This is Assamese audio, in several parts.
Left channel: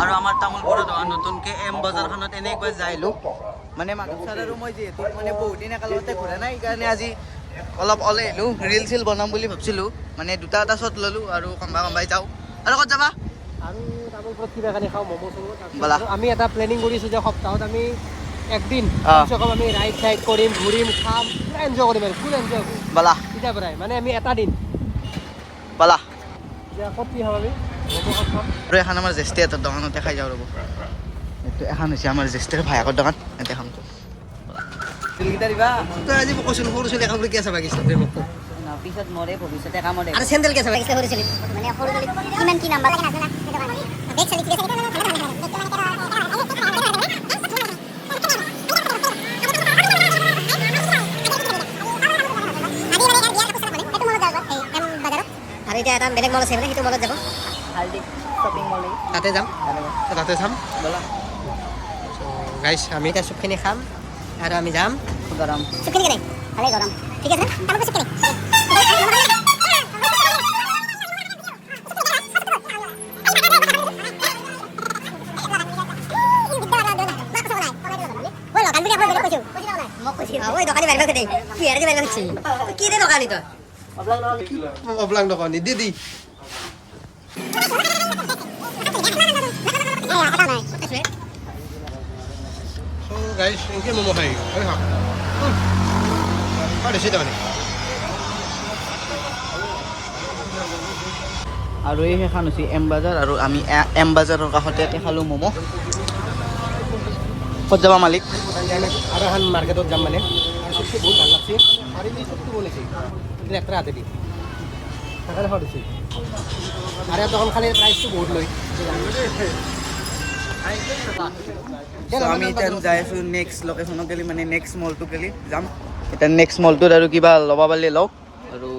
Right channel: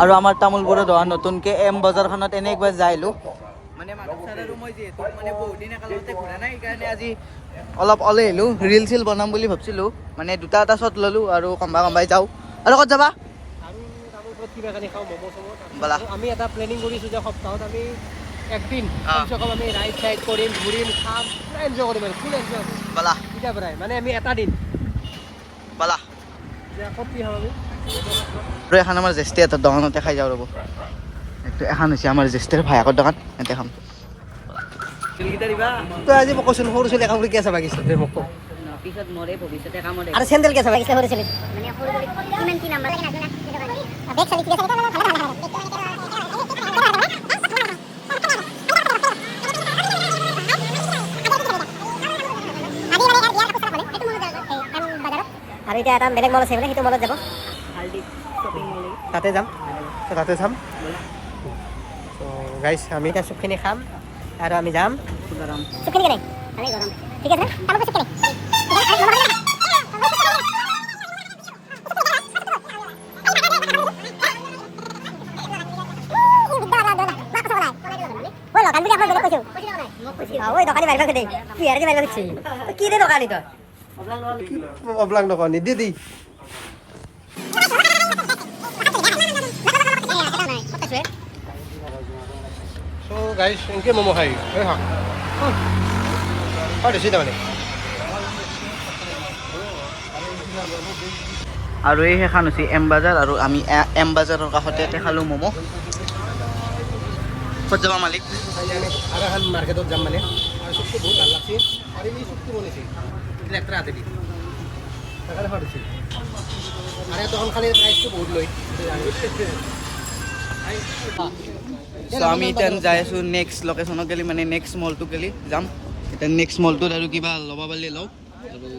আৰু আমাৰ তামোলপুৰৰ দোকান নতুনকৈ এম বজাৰখনত এনে একবাৰ যাই মানে মাধৱ ছাৰ আৰু মই যিহেতু মানে বহুত দিন একেলগতে ঘূৰা নাই সেইকাৰণে আজি অলপ ওলাই আহিলোঁ ৰিল চিল বনাম বুলি ভাবিছিলোঁ মানে দুটা এটা শ্বট ল'লোঁ আৰু কম্বাই যাওঁ আৰু ক'ত যাবা আৰু তামোলপুৰত কিবা কানি খাওঁ ম'ম' চম' ব'লা আমি এটা প্লেনিং কৰিছোঁ যে সপ্তাহত আমি একদিন অঁ আমি ৰাইড কৰিম ঘূৰিম খাম পুৰা এনজয় কৰিম আৰু ফুল এনজয় কৰিম ব'লা তেতিয়াৰ পৰাই মানে আমি এটা দিন ব'লা এতিয়া ক'ত কি খাম আমি ম'ম' ক'ত খাম আৰু এখন আমাৰ জ্যেষ্ঠী এটা দোকানতে খাই যাওঁ ৰ'ব এইটো এখন হৈছে আমাৰ জ্যেষ্ঠৰ ভায়েকৰ দোকান ইয়াতে খাম তই আজি মোক কৈছোন সৰু ছোৱালী কাপোৰ কিয় চাবা গৈছ মোক পিছত নৰে ভৱিষ্যতে কামৰে আৰু চেণ্ডেল কিয় চাবা সৰু ছোৱালী মানে সৰু ছোৱালী কিমান কি নাম্বাৰ লাগে নাজানা বেগ চালি ঠিক আছে আৰু এতিয়া এটা বেলেগ মল আছে বোলে সেইটো মলত যাব হালদি শ্বপিং মল তাতে যাম তাতে যাম ব'লা চ' গাইছ আমি এতিয়া চুপখিনি খাম আৰু আমি যাম গৰম চুপখিনি কেনে ভালে গৰম ঠিক আছে না তামোল চুপখিনি ওই দোকানি বাইরে দে তুই আর কি বাইরে দিচ্ছি কি রে দোকানি তো অবলাং দোকানী দিদি চ' গাইছ এনেকৈ ম'ম' খাই শাক বেছি তাৰমানে আৰু এই সেইখন হৈছে এম বাজাৰ আৰু আমি এম বাজাৰৰ কাষতে ইয়াতে খালোঁ ম'ম' ক'ত যাবা মালিক আৰু এখন মাৰ্কেটত যাম মানে আৰু চুপটো বহুত ভাল লাগছে আৰু এই চুপটো বনাইছে ট্ৰেক্টৰ হাতে দি দিছে আৰু ইয়াত দোকান খালে প্ৰাইচটো বহুত লয় আমি এতিয়া যাই আছোঁ নেক্সট লোকেশ্যনত গেলি মানে নেক্সট মলটো গেলি যাম এতিয়া নেক্সট মলটোত আৰু কিবা ল'ব পাৰিলে লওক আৰু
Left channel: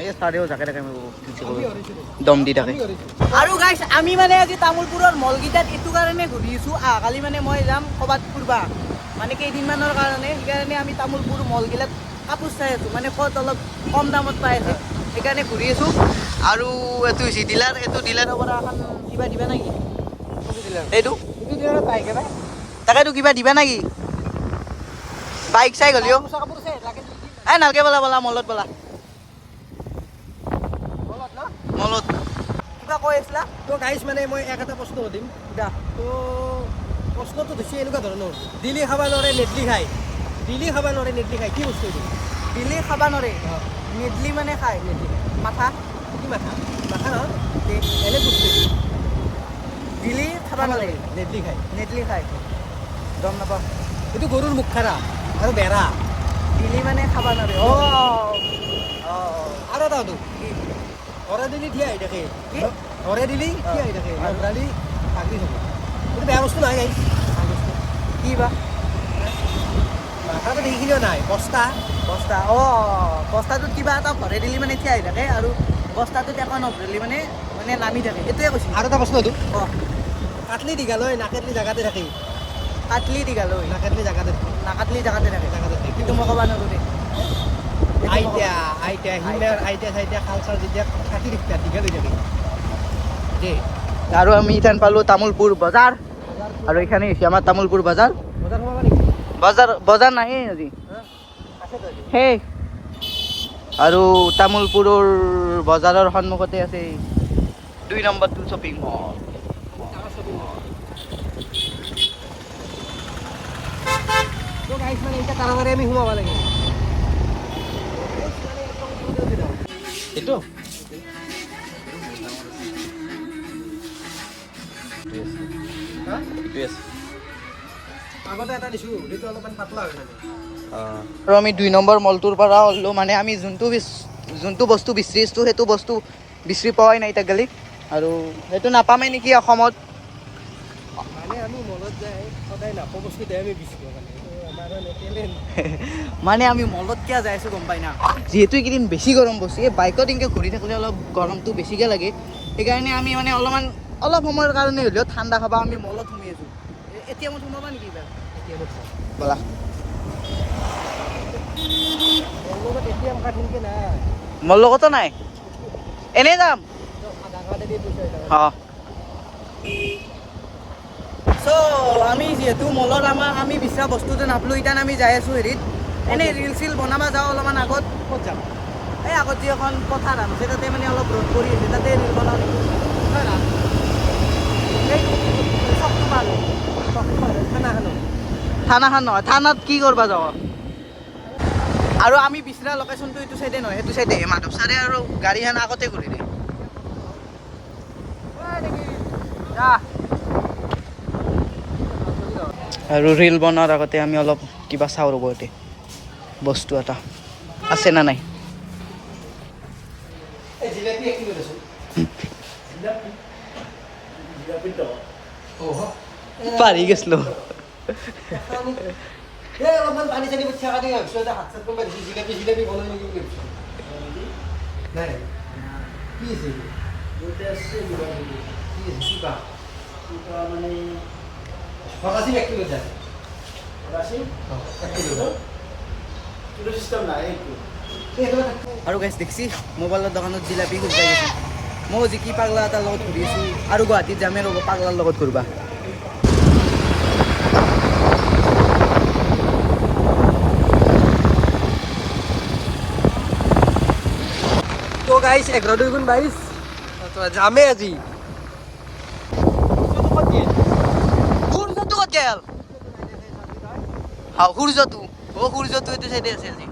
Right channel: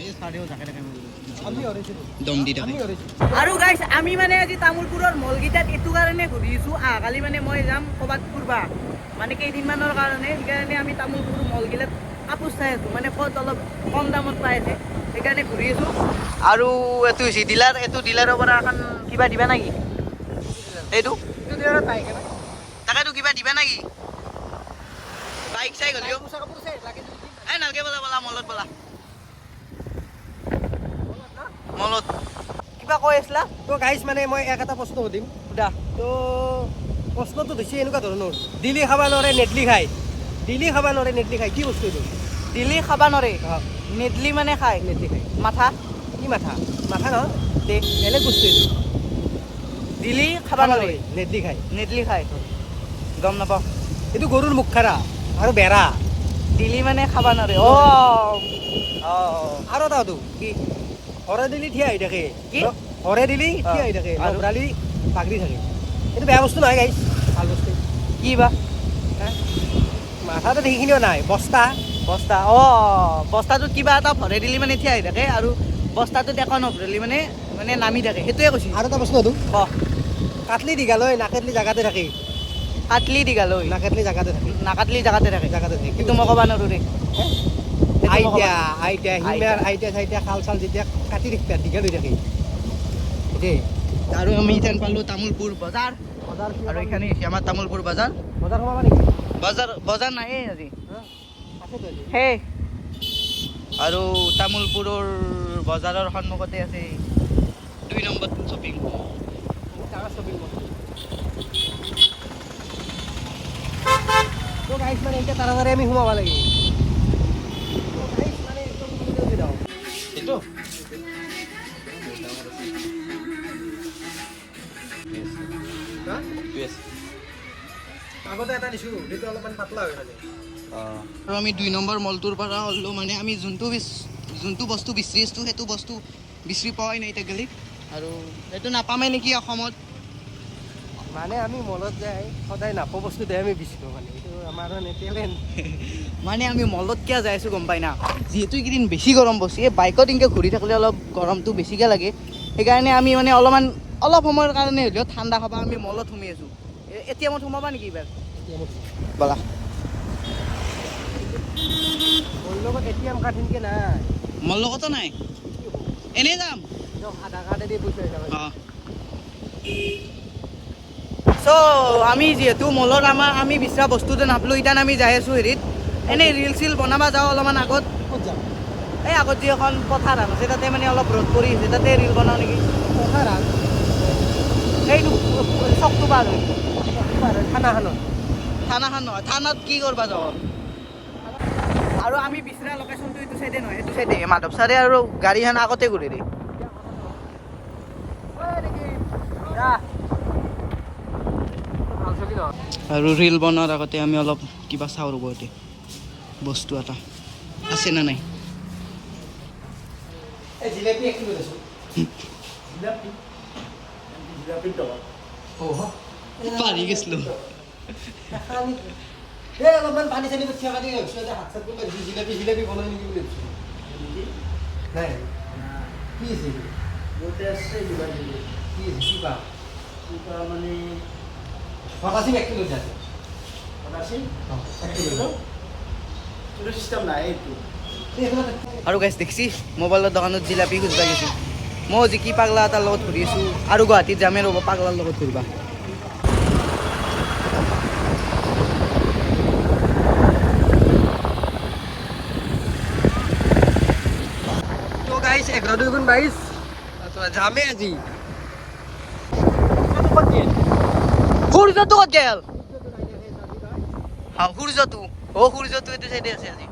এই চাৰিও জাকে থাকে দম দি থাকে আৰু গাইছ আমি মানে আজি তামোলপুৰৰ মলকেইটাত এইটো কাৰণে ঘূৰিছোঁ কালি মানে মই যাম ক'ৰবাত ফুৰবা মানে কেইদিনমানৰ কাৰণে সেইকাৰণে আমি তামোলপুৰ মলগিলাত কাপোৰ চাই আছোঁ মানে ক'ত অলপ কম দামত পাই আছে সেইকাৰণে ঘূৰি আছোঁ আৰু এইটো হৈছে ডিলাৰ এইটো ডিলাৰৰ পৰা এখন কিবা দিবা নেকি এইটো তাকেতো কিবা দিবা নেকি বাইক চাই গ'লিও এই নালকে ব'লা ব'লা মলত ব'লা মলত কিবা কৈ আছিলা তো গাইছ মানে মই এটা প্ৰশ্ন সুধিম সুধা তো প্ৰশ্নটো বেছি এনেকুৱা ধৰণৰ দিলি খাব নোৱাৰে নেটলি খায় দিলি খাব নোৱাৰে নেটলি খায় কি বস্তু এইটো দিলি খাবা নৰে নেদলি মানে খায় নেটলি খায় মাথা কি মাথা মাথা নহয় দে বেলেগ বস্তু এইটো দিলি খাবা নৰে নেটলি খায় নেদলি খায় গম নাপাওঁ এইটো গৰুৰ মুখ খাৰা আৰু বেৰা দিলি মানে খাবা নৰে অ' আৰু এটাটো কি হৰে দিলি থিয় আহি থাকে কি? হৰে দিলি থিয় আহি থাকে আৰু? নগৰালি পাগৰি থাকে এইটো বেয়া বস্তু নহয় গাইছ ভাল বস্তু কি বা মাথাটো সেইখিনিও নাই বস্তা বস্তা বস্তাটোত কিবা এটা ভৰাই দিলি মানে থিয় আহি থাকে আৰু বস্তাটোত একো নভৰালি মানে মানে নামি থাকে সেইটোৱে কৈছোঁ আৰু এটা প্ৰশ্ন এইটো অ' কাটলি দীঘালৈ নাকাটলি জাগাতে থাকে কাটলি দীঘালৈ নাকাটলি জাগাতে থাকে নাকাটলি জাগাতে থাকে জাগাতে থাকে সেইটো মই ক'বা নোৱাৰোঁ দেই আইতা হিমাৰ আইতা চাইতা খাল চাল যেতিয়া কাটি দিছে দীঘালৈ থাকে দেই আৰু আমি ইথান পালোঁ তামোলপুৰ বজাৰ আৰু এইখানে হৈছে আমাৰ তামোলপুৰ বজাৰ বজাৰ সোমাবা নেকি বজাৰ নাহে আজি আছেতো আজি সেই আৰু তামোলপুৰৰ বজাৰৰ সন্মুখতে আছে 2 নম্বৰটো শ্বপিং মল বহুত ডাঙৰ শ্বপিং মল তো গাইছ মানে এতিয়া তাৰাতাৰি আমি সোমাব লাগে এইটো আগতে এটা দিছোঁ সেইটো অলপমান পাতলা হৈ থাকে আৰু আমি 2 নম্বৰ মলটোৰ পৰা হ'লেও মানে আমি যোনটো বস্তু বিচাৰিছোঁ সেইটো বস্তু বিচাৰি পোৱাই নাই এতিয়া গেলি আৰু সেইটো নাপামেই নেকি অসমত মানে আমি মলত যাই সদায় নাপো বস্তু দে আমি বিচাৰোঁ মানে এইটো আমাৰ টেলেণ্ট মানে আমি মলত কিয় যাই আছোঁ গম পাই না যিহেতু এইকেইদিন বেছি গৰম বস্তু এই বাইকত এনেকৈ ঘূৰি থাকিলে অলপ গৰমটো বেছিকৈ লাগে সেইকাৰণে আমি মানে অলপ সময়ৰ কাৰণে হ'লেও ঠাণ্ডা খাবা আমি মলত সোমাই আছোঁ এতিয়া মই সোমাবা নেকি এইবাৰ এতিয়া ব'লা এটিএম কাৰ্ড সেনেকৈ নাই মোৰ লগতো নাই এনেই যাম আধাৰ কাৰ্ডেদি পইচা অঁ তো আমি যিহেতু মলত আমি বিচৰা বস্তুটো নাপলো ইতান আমি যাই আছোঁ হেৰিত এনেই ৰিল চিল বনাব যাওঁ অলপমান আগত ক'ত যাম এই আগত যি এখন পথাৰ আছে তাতে মানে অলপ ৰ'দ পৰি আছে তাতে ৰিল বনাওঁ নেকি পথাৰ এইটো চকটো পাৰ হৈ খানাখানত থানাখন নহয় থানাত কি কৰিব যাওঁ আৰু আমি বিচৰা লোকেশ্যনটো এইটো চাইডে নহয় সেইটো চাইডে মাধৱ ছাৰে আৰু গাড়ীখন আগতে ঘূৰি দিয়ে আৰু ৰিল বনোৱাৰ আগতে আমি অলপ কিবা চাওঁ ৰ'ব ইয়াতে বস্তু এটা আছে না নাই জিলেপি এক কিলো দেচোন পাৰি গৈছিলোঁ অলপমান পানী চানী উঠা কাটি ভাবিছোঁ এটা হাত চাত কোনোবাই জিলেপি জিলেপি বনাই নেকি বুলি ভাবিছোঁ নাই কি আছে কি আছে কি পাম মানে পটাচি এক কিলো আছে পটাচি এক কিলো চিষ্টেম নাই এইটো আৰু গাইছ দেখিছি মোবাইলৰ দোকানত জিলাপি খুজিব গৈছোঁ মই যি কি পাগলা এটাৰ লগত ঘূৰি আছোঁ আৰু গুৱাহাটীত যামে ৰ'ব পাগলাৰ লগত ঘূৰিবা তো গাইছ 11-22 যামে আজি সূৰ্যটো ক'ত গেল সূৰ্যটো সূৰ্যটো এইটো চাইডে আছে আজি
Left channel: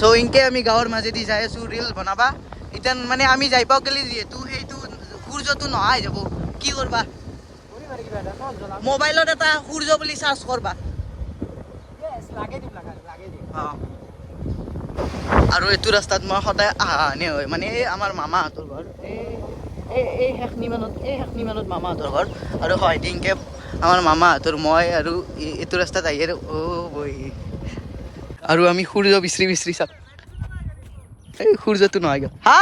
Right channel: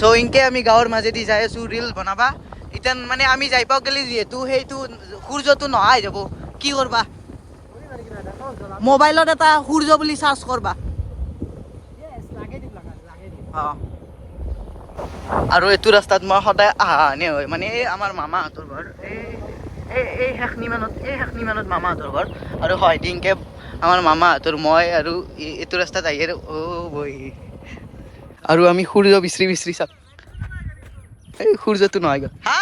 চ' ইনকে আমি গাঁৱৰ মাজেদি যাই আছোঁ ৰিল বনাবা এতিয়া মানে আমি যাই পাওঁ গ'লে যিহেতু সেইটো সূৰ্যটো নহয় যাব কি কৰবা মোবাইলত এটা সূৰ্য বুলি চাৰ্চ কৰবা অঁ আৰু এইটো ৰাস্তাত মই সদায় অহা আনে হয় মানে এই আমাৰ মামাহঁতৰ ঘৰ এই শেষনি মানত মামাহঁতৰ ঘৰ আৰু হয় দিনকে আমাৰ মামাহঁতৰ মই আৰু এইটো ৰাস্তাত আহি আৰু বহি আৰু আমি সূৰ্য বিচৰি চাম এই সূৰ্যটো নহয় গ'ল হা